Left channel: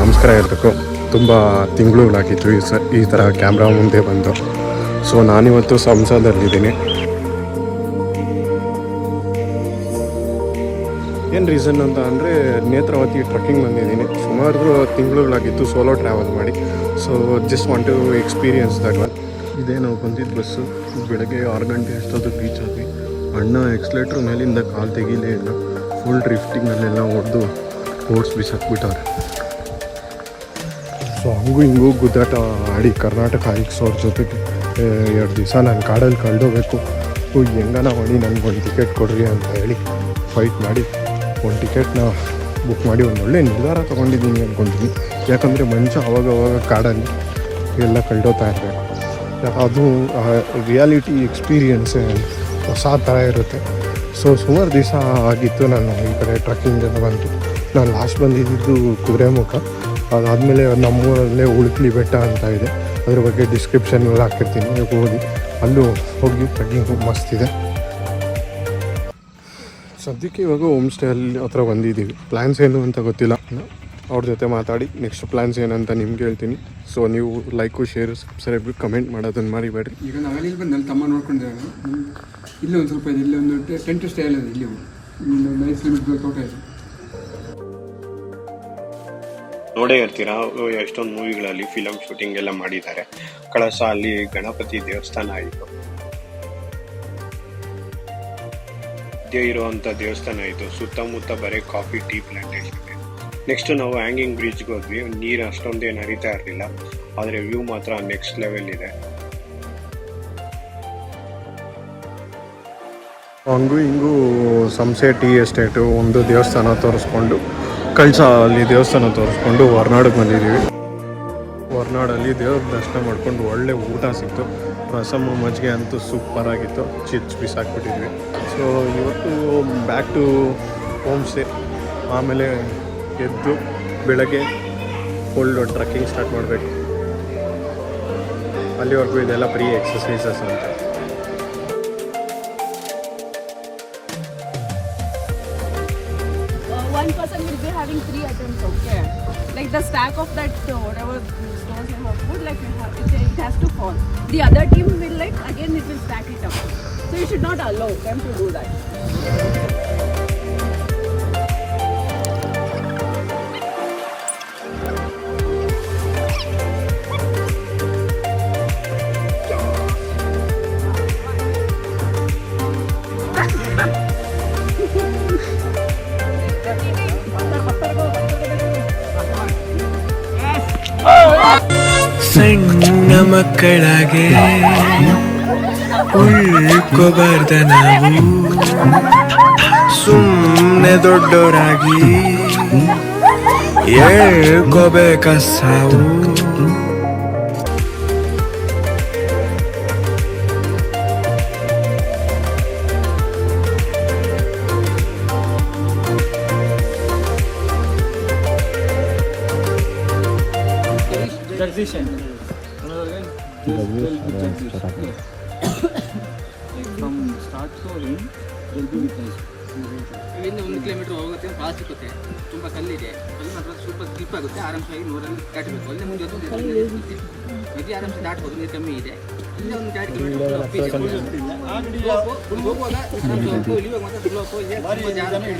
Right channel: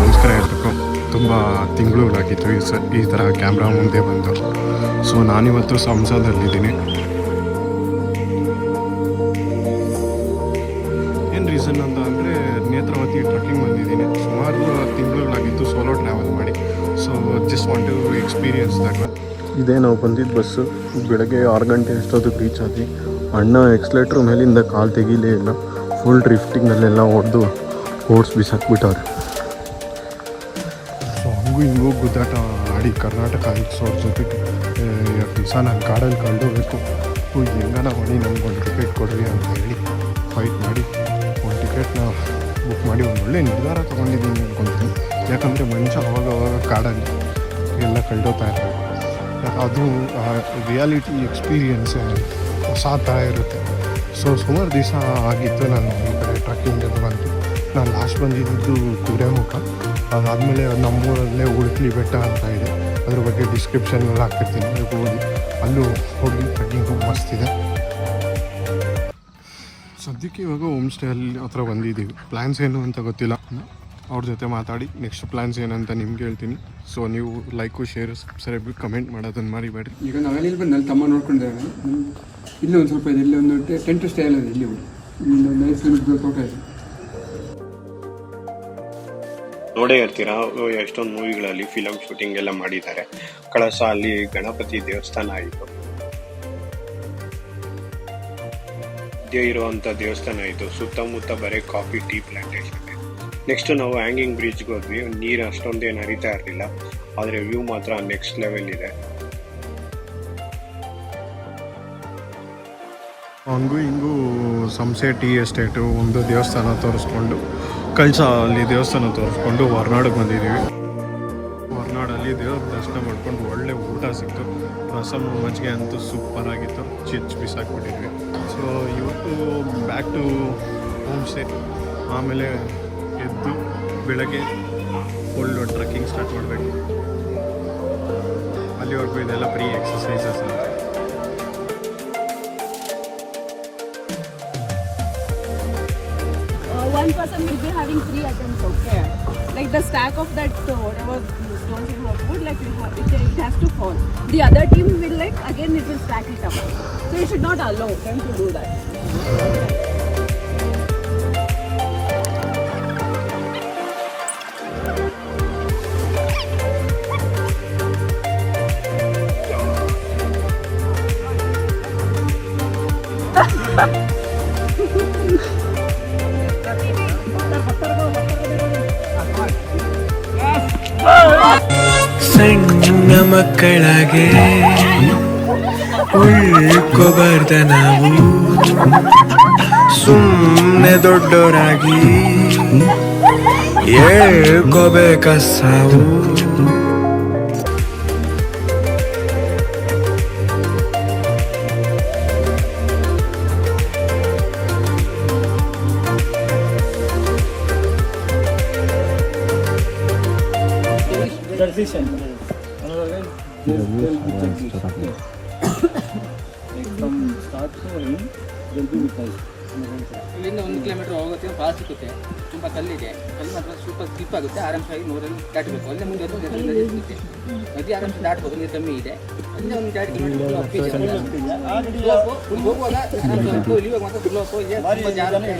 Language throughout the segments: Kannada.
ನಮಸ್ಕಾರ ಎಲ್ರಿಗೂ. ತುಂಬ ತಿಂಗಳುಗಳಾಗಿತ್ತು ಈ ಥರ ಕ್ಯಾಮ್ರಾ ಮುಂದೆ ಬಂದು. ಸೊ ನಾನಿವತ್ತು ಸಂಸದಲ್ಲಿದ್ದೀನಿ. ಏನು ರೀಸನ್ ಅಂತ ಅಂದರೆ ನೇತ್ರಾವತಿ ಟ್ರಕ್ಕಿಂಗ್ ಬಂದಿದ್ದೀನಿ. ಸುಮಾರು ತಿಂಗಳುಗಳಾಗಿತ್ತು ಸೋಲೋ ಟ್ರಾವೆಲ್ ಮಾಡಿ. So just want to experience that one. ಇದೇ ನಾವು ಬಂದಿದ್ದು ಬಸ್ಸು. ಬೆಳಗ್ಗೆ 6 ಗಂಟೆ ಎಷ್ಟೊತ್ತಿಗೆ ರೀಚ್ ಆದ್ವಿ. ಅಣ್ಣ ಎಕ್ಸ್ಲೇಟ್ರ್ ಮೇಲಿಂದ ಕಾಲು ತೆಗೀಲೇ ಇಲ್ಲ. ಫುಲ್ ಡ್ರಿಫ್ಟಿಂಗಲ್ಲೆಲ್ಲ ಓಡಿಸಿ ಬಿಸಾಕ್ಬಿಟ್ಟವ್ರೆ. ಸೊ ಹಂಗೂ ಹಿಂಗೂ ಗುದ್ದಾಟ ಆಡಿ ಕರ್ನಾಟಕ ಹೈಕ್ಸ್ ಅವ್ರ ಜೊತೆಗೆ 2 ದಿವಸ ನಾನು ಕಾಡಲ್ಲಿ ಕಳೆದೋಗ್ಬೇಕು, ಹೆಂಗನ ಮಾಡಿ ನನಗೊಂದು ಟಿಕೆಟ್ ಕೊಡ್ರಿ ಅಂತ ಹೇಳಿ ಫೈಟ್ ಮಾಡಿ ಒಂದು ಟಿಕೆಟ್ನ ಬುಕ್ ಮಾಡಿ ಒಂದು ಒಳ್ಳೆ ನಿರ್ಧಾರ ತೊಗೊಂಡಿದ್ದೀನಿ ಅಂದ್ಕೊಳ್ತೀನಿ. ಯಾಕಂದರೆ ಮನುಷ್ಯ ಅವಾಗವಾಗ ಕಾಡಲ್ಲಿ ಎಲ್ಲ ಕಳೆದೋಗ್ತಾ ಇರಬೇಕು. ಅದು ರಿಯಾಲಿಟಿ ಎಕ್ಸ್ಪೀರಿಯನ್ಸ್ ಹೊಸ ಥರ ಇರುತ್ತೆ. ಸೊ ಸುಮಾರು ದಿವಸ ಆಗಿತ್ತು ನಾನು ಈ ಕಡೆ ಟ್ರಕ್ಕಿಂಗ್ ಎಲ್ಲ ಬಂದು. ನಾನು ಲಾಸ್ಟ್ ಬಂದಿದ್ದು ಕುದುರೆಮುಖ. ಅದಾದಮೇಲೆ ನಮ್ಮೂರಲ್ಲೇ ಉಳ್ಕಲಿ ಬೆಟ್ಟ ಅಂತ ಇದೆ, ಅದ್ರ ಬಗ್ಗೆ ಡಿಸ್ಕ್ರಿಪ್ಷನ್ನೆಲ್ಲ ಹಾಕಿರ್ತೀನಿ, ಓದಿ ಅಲ್ಲೂ ಹೋಗಿ ಟ್ರಕ್ಕಿಂಗ್ ಮಸ್ತಿದೆ. ಸದ್ಯಕ್ಕೆ ಇವಾಗ ಹೋಮ್ ಸ್ಟೇ ಅಲ್ಲಿ ಹತ್ರ ಬಂದಿದ್ದೀವಿ. ಪ್ಲ್ಯಾನ್ಸ್ ಏನು ಅಂತ ಗೊತ್ತಿಲ್ಲ, ಅವ್ರ ಜೊತೆ ಮಾತಾಡಿ ನೆಕ್ಸ್ಟ್ ಪ್ಲ್ಯಾನ್ಸ್ ಏನಂತ ನಿಮ್ಗೆ ಹೇಳ್ತೀನಿ. ಸೊ ನೀವು ಲೈಕು ಶೇರು ಸಬ್ಸ್ಕ್ರೈಬ್ ಕಮೆಂಟ್ ಮಾಡೋದನ್ನು ಮರಿಬೇಡ್ರಿ. ಈಗ ನಾವೆಲ್ಲಿ ಬಂದು ಅಲ್ಲಿ ತಮ್ಮ ನೋಡ್ಕೊಂಡಿದ್ದೇವೆ. ಇಲ್ಲಿ ಒಂದು ಸ್ವಲ್ಪ ಇದೆ, ಇಲ್ಲಿ ಒಂದು ಟೆಂಟ್ ಸ್ಟೇ ಎಲ್ಲ ಇದೆ. ಇಲ್ಲಿ ಒಂದು 5 ಕಿಲೋಮೀಟರ್ ತೋಟ ಇದೆ. ನೋಡೇ ಇರ್ತೀರಾ, ಎಷ್ಟೊಂದು ಮೂವಿಗಳಲ್ಲಿ ಫಿಲಮ್ ಶೂಟಿಂಗ್ ಎಲ್ಲ ಮಾಡಿದ್ದಾರೆ. ಕಳಸ ಅಲ್ಲಿ ಗಣಪತಿ ದೇವಸ್ಥಾನ ಆಯಿತು, ಇರುವಂಥ ದೇವಸ್ಥಾನ ಆಯಿತು. ಸುತ್ತಮುತ್ತ ಬರೀ ಕಾಫಿ ಟೀ ಪ್ಲಾಂಟೇಶನ್. ನೆಕ್ಸ್ಟ್ ನಾವು ಹ್ಯಾಂಗಿಂಗ್ ಬ್ರಿಡ್ಜ್ಗೆ ಹೋದ್ವಿ. ನೀರು ಅಷ್ಟೊಂದೇನು ಹರಿತಾ ಇರಲಿಲ್ಲ, ಆದರೆ ವ್ಯೂ ಮಾತ್ರ ನೆಕ್ಸ್ಟ್ ಲೆವೆಲ್ ಇದೆ. ಹಂಗೂ ಹಿಂಗೂ ಸಂಸೆ ಟೀ ಎಸ್ಟೇಟು, ಒಂದು ದೇವಸ್ಥಾನ ತೋರಿಸ್ಕೊಂಡು, ಕಳಸ ಅಲ್ಲಿ ದೇವಸ್ಥಾನ ತೋರಿಸ್ಕೊಂಡು ಹೊರನಾಡಿಗೆ ಬಂದಿದ್ದೀವಿ. ಹೊರನಾಡಲ್ಲಿ ದೇವ್ರ ದರ್ಶನ ಮಾಡ್ಕೊಂಡು ಒಳ್ಳೆ ಊಟ ಸಿಕ್ತು. ರಸಮ್ಮು ಮಜ್ಜಿಗೆ ಅಂತೂ ಸೂಪರ್ ಆಗಿತ್ತು, ಬಿಸಾಕ್ಬಿಟ್ಟಿದ್ವಿ. ಸೊ ಇವತ್ತು ಬ್ಯಾಕ್ ಟು ಹೋಮ್ ಸ್ಟೇ. ಆಮೇಲೆ ಎದ್ದು ಬೆಳಗ್ಗೆ ಫುಲ್ ಟ್ರಕ್ಕಿಂಗ್ ಸ್ಟಾರ್ಟ್ ಮಾಡಬೇಕು. ಅಲ್ಲಿವರೆಗೂ ಇದೆಲ್ಲ ಬರೀ ಎಕ್ಸಸೈಸಸ್ ಅಂತ. One person will be having 3 items, okay? Like the stack of that whatever stones you have put, like it has to fall. The other team will again it will stack it up. So you should not allow them to do that. ಸಣ್ಣ ಮಕ್ಕಳಾಗೆ ಉಳ್ಕೋಬಾರ್ದ ನಾವು, ಸುಮ್ಮನೆ ದೊಡ್ಡೋರಾಗಿ ಹೇಳ್ಕೋಬೇಕ ಸಾವು. ಇಲ್ಲಿಂದ 1 ಕಿಲೋಮೀಟರ್ ಹೋಗುತ್ತೆ, ಪಾಸ್ ಸಿಗುತ್ತೆ. ತುಂಬ ಕಲ್ಲಿದೆ, ಕಲ್ಲು ಮಾತ್ರ ಸ್ವಲ್ಪ ಸ್ಲಿಪ್ ಆಗುತ್ತೆ. ಆರಾಮ್ಸಾಗಿ 100ರಲ್ಲಿ ದಾಟಬೇಕು. ಅಲ್ಲೇ ಮುಂದೆ ಸಿಗುತ್ತೆ, ನದಿ ಆರಾಮ್ಸಾಗಿ ದಾಟ್ಬೋದು, ನೀರು ಕಮ್ಮಿ ಇದೆ. ಅಲ್ಲೇ ಒಂದು 2 ಕಿಲೋಮೀಟರ್ ಹೋಗುವಾಗ ಆರಾಮ್ಸಾಗಿ ಇಳಿಯುವಾಗ ಮಾತ್ರ ಸ್ಲೋಪು ಇದೆ, ತುಂಬ ಜಾಗ್ರತೆ.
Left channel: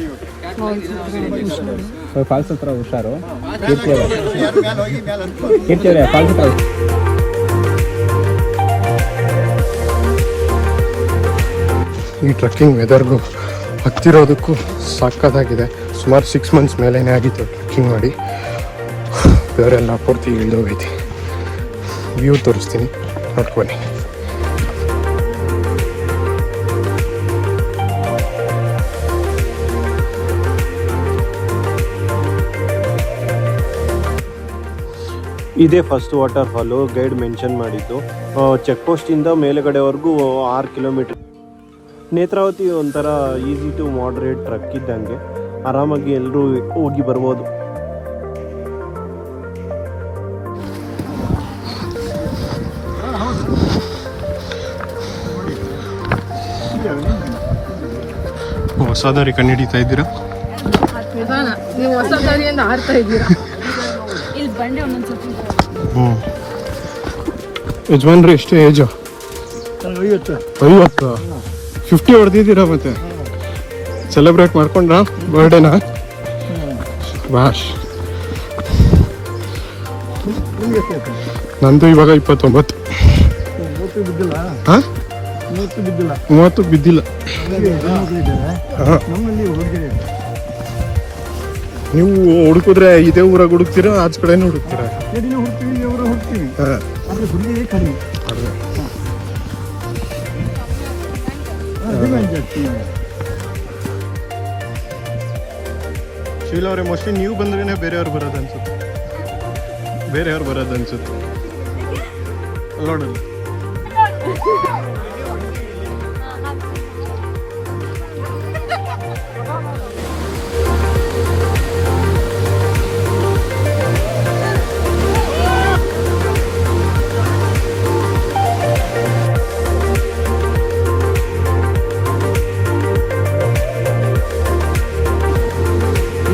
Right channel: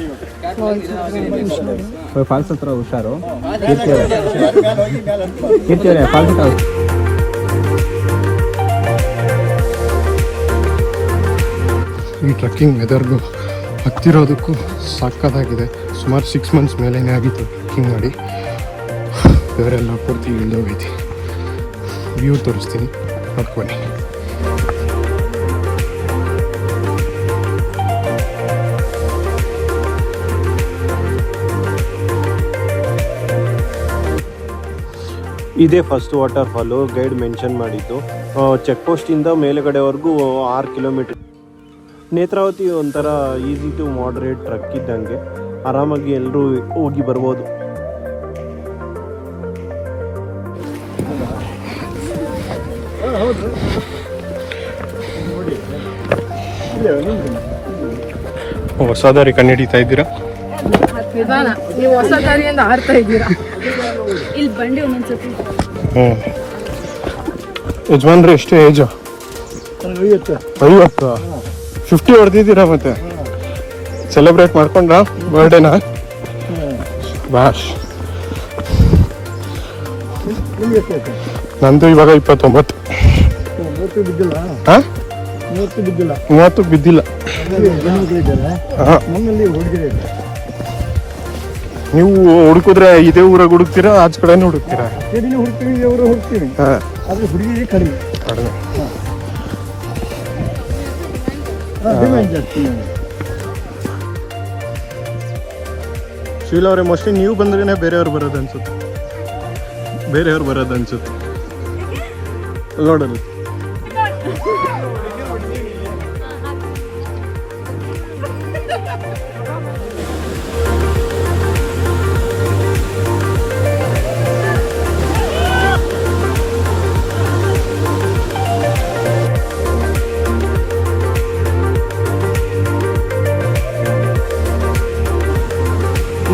ಫಾಲ್ಸ್ ಹತ್ರ ಹುಷಾರು. ಈ ಟ್ರಕ್ಕಿಂಗ್ ವೆದರ್ಗೂ ಹತ್ತಿರೋದಕ್ಕೂ ಸಕ್ಕತ್ತಾಗಿದೆ. ಸುಮಾರು 6 ಮಂತ್ಸ್ ಮೇಲೇ ಆಗಿತ್ತು ಟ್ರಕ್ಕಿಂಗ್ ಮಾಡಿ. ಬೇರೆಲ್ಲ ಪೂರ್ತಿ ಇಳಿದೋಗೈತಿ. ವ್ಯೂ ತೋರಿಸ್ತೀನಿ, ನೋಡ್ಕೊಳ್ಳಿ. ಇದೇ first water fall. Guide mention ಮಾಡಿದ್ದು ಚೆಕ್ ಪೋಸ್ಟಿಂದ ಮೇಲುಗಡೆವರೆಗೂ 6 ಕಿಲೋಮೀಟರ್. ನೇತ್ರಾವತಿ ಒಂಥರ ಈಸಿ ಟು ಮಾಡ್ರೇಟ್ ಟ್ರಕ್ ಇದ್ದಂಗೆ, ಆರಾಮಾಗಿ ಎಲ್ಲರೂ ಹೋಗಿ ಬರ್ಬೋದು. ಹೊಸ ದಾರಿ ಕಂಡುಹಿಡಿತಾ ಇದ್ದೀರಾ? ನೀವು ಹೊಸ ದಾರಿಯಿಂದ ಹಾರ್ತಾ ಇದ್ದೀರಾ. ಇಲ್ಲಿ ಬಂಡೆ ಒಂದೊಂದ್ಸತಿ ಹ್ಞೂ. ಯಜಮಾನ್ರಿ ಎಷ್ಟು ಏಜು? 50. 50 ಹೊಡೆದಿದ್ದೀರಾ ಮತ್ತೆ? ಸೆಲೆಬ್ರೇಟ್ ಮಾಡ್ಕೊಂಡ ಬರ್ಡೇನ? ಬಾಸ್ ನಂದು ಇವಾಗ 29. ಹಾಂ 30 ಬಿದ್ದಿಲ್ಲ. ನೀವು ಹುಡುಕಿದ್ರೆ ಇದೇ ಊರಾಗ ಹುಡುಕ್ತೀರಾ, ಆಚೆ ಕಡೆನೂ ಹುಡುಕ್ತೀರಾ? ಹುಡುಕ್ತೀನಿ ಆದ್ರೆ ಹುಡುಗಿ ಕಡಿಮೆ ಶೀಲ ಅವರೇ, ಮೋಸ್ಟ್ಲಿ ನೀವು ಬಂದ್ರೇನೆ ಬೇರೆಯವ್ರು ಬರೋದು ಅನ್ಸುತ್ತೆ. ನೋಡಲ್ಲ.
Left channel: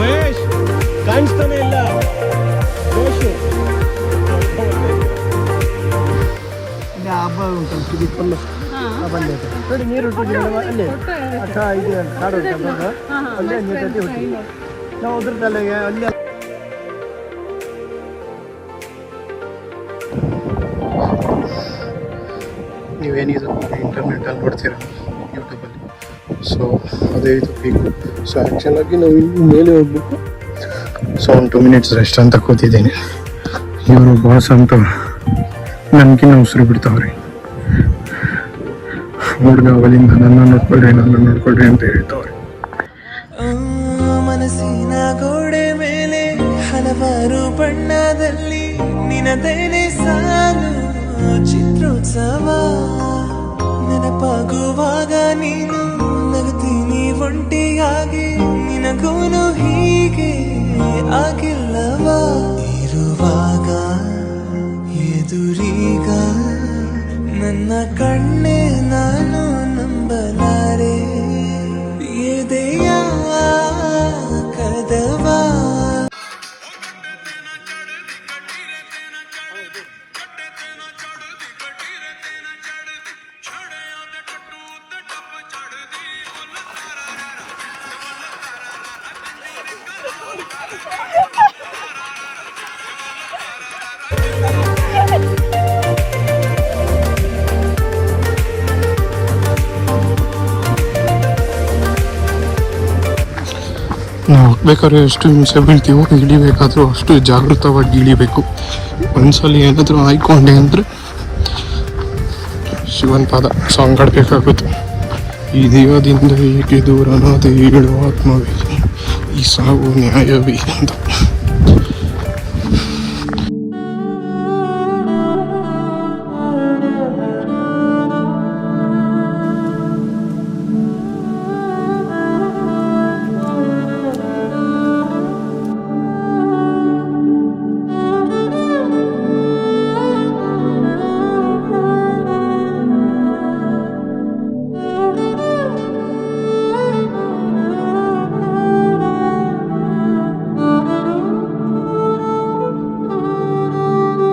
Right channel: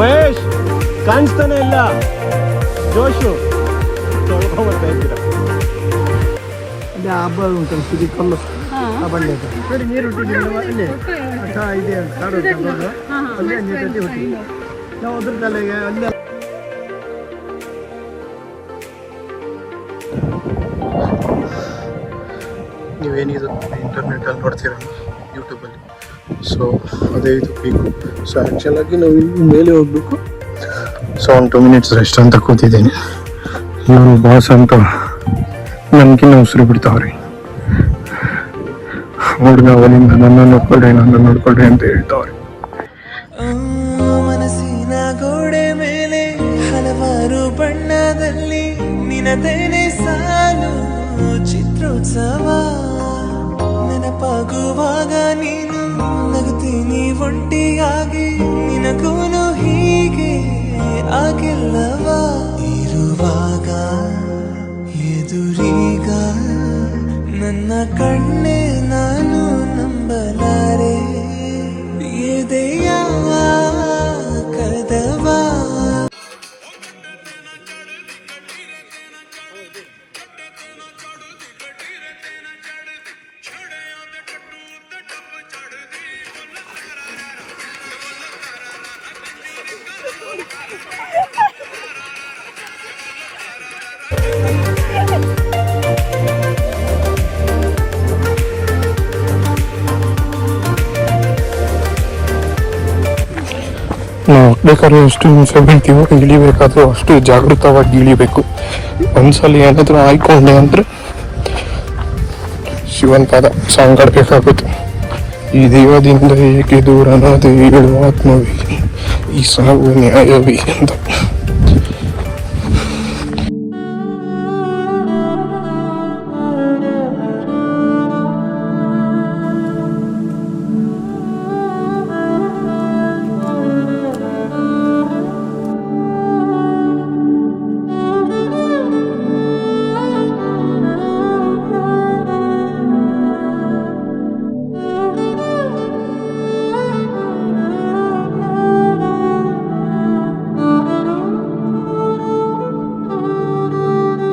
ಮಹೇಶ್ ಕಾಣಿಸ್ತಾನೆ ಇಲ್ಲ. ಜೋಶು ಹಬ್ಬ ಉಂಟಲ್ಲ ಸುದಿ ಕಲ್ಲು ನೋಡಿ, ನೀರು ಹುಟ್ಟಿದ್ದೀವಿ ಅಲ್ಲಿ ಇದೆ ಅಂತ ಕಾಡು ಅಲ್ಲೇ ನೀರು ಕಟ್ಟಿ ಹುಟ್ಟಿದ್ವಿ ನಾವು. ಅದ್ರದ್ದಲ್ಲ ಅಲ್ಲೇ ನೀವೇನಿದು ಇಂಟರ್ನೆಟಲ್ಲಿ ನೋಡ್ತೀರ ಯೂಟ್ಯೂಬಲ್ಲಿ, ಸೊ ಅದೇ ಇದು ಪೀಕು. ಸೊ ಆ್ಯಕ್ಚುಲಾಗಿ ನಾವು ಇಲ್ಲಿ ಮೇಲೆ ಹೋಗ್ಬೇಕು. ಸೊ 2 ಮಿನಿಟ್ಸ್ ರೆಸ್ಟ್ ಅಂತ ಕೂತಿದ್ದೀನಿ. ಇವರು ಬಾಸ್ ಅಂತ ನನಗಿನ್ನ ಉಸಿರು ಬಿಡ್ತಾವ್ರಿ. ಹುಡುಗ ಅವಲಿಂದ ನನ್ನ ನೋಡ್ಕೊಳ್ರಿ ಅಂತ ಹೇಳ್ತಾವ್ರಿ. ಮನಸ್ಸಿನ ಗೋಡೆ ಮೇಲೆ ಹಲವಾರು ಬಣ್ಣದಲ್ಲಿ ನಿನದೇನೆ ಸಾಲು ಚಿತ್ರೋತ್ಸವ. ನೆನಪಾಗುವಾಗ ನೀನು ನಗುತ್ತೀನಿ ಒಂಟಿಯಾಗಿ, ನಿನಗೂನು ಹೀಗೆ ಆಗಿಲ್ಲವ. ಇರುವಾಗ ಎದುರೀಗ ನನ್ನ ಕಣ್ಣೆ ನಾನು ನಂಬಲಾರೆ. ಎದೆಯ ಕದವ ನಾವು ಹೋಗ್ಬೇಕಾದ್ರೆ ಎಷ್ಟು ಹಿಂಸೆ ಬೀಳ್ತೀವೋ, ಇಳಿಬೇಕಾದ್ರೂ ಅಷ್ಟು ಜಾಗೃತವಾಗಿ ಇಳಿಬೇಕು. ಒಂದ್ಸಲ ಏನಾದರೂ ಆಯ್ಕೊಂಡೆ ಅಂದರೆ ಶಿವನ್ ಪಾದ ಸಾಂಗ್ ಆಡಬೇಕಾಗುತ್ತೆ. ಈ ದೇವದಿಂದ ಏಕೆ ದೂರ ಅನ್ನೋದು ಹೇಳುವ ಆತ್ಮವೇ, ಈ ಸಾವು ನ್ಯಾಯವೇ ಅಂತ.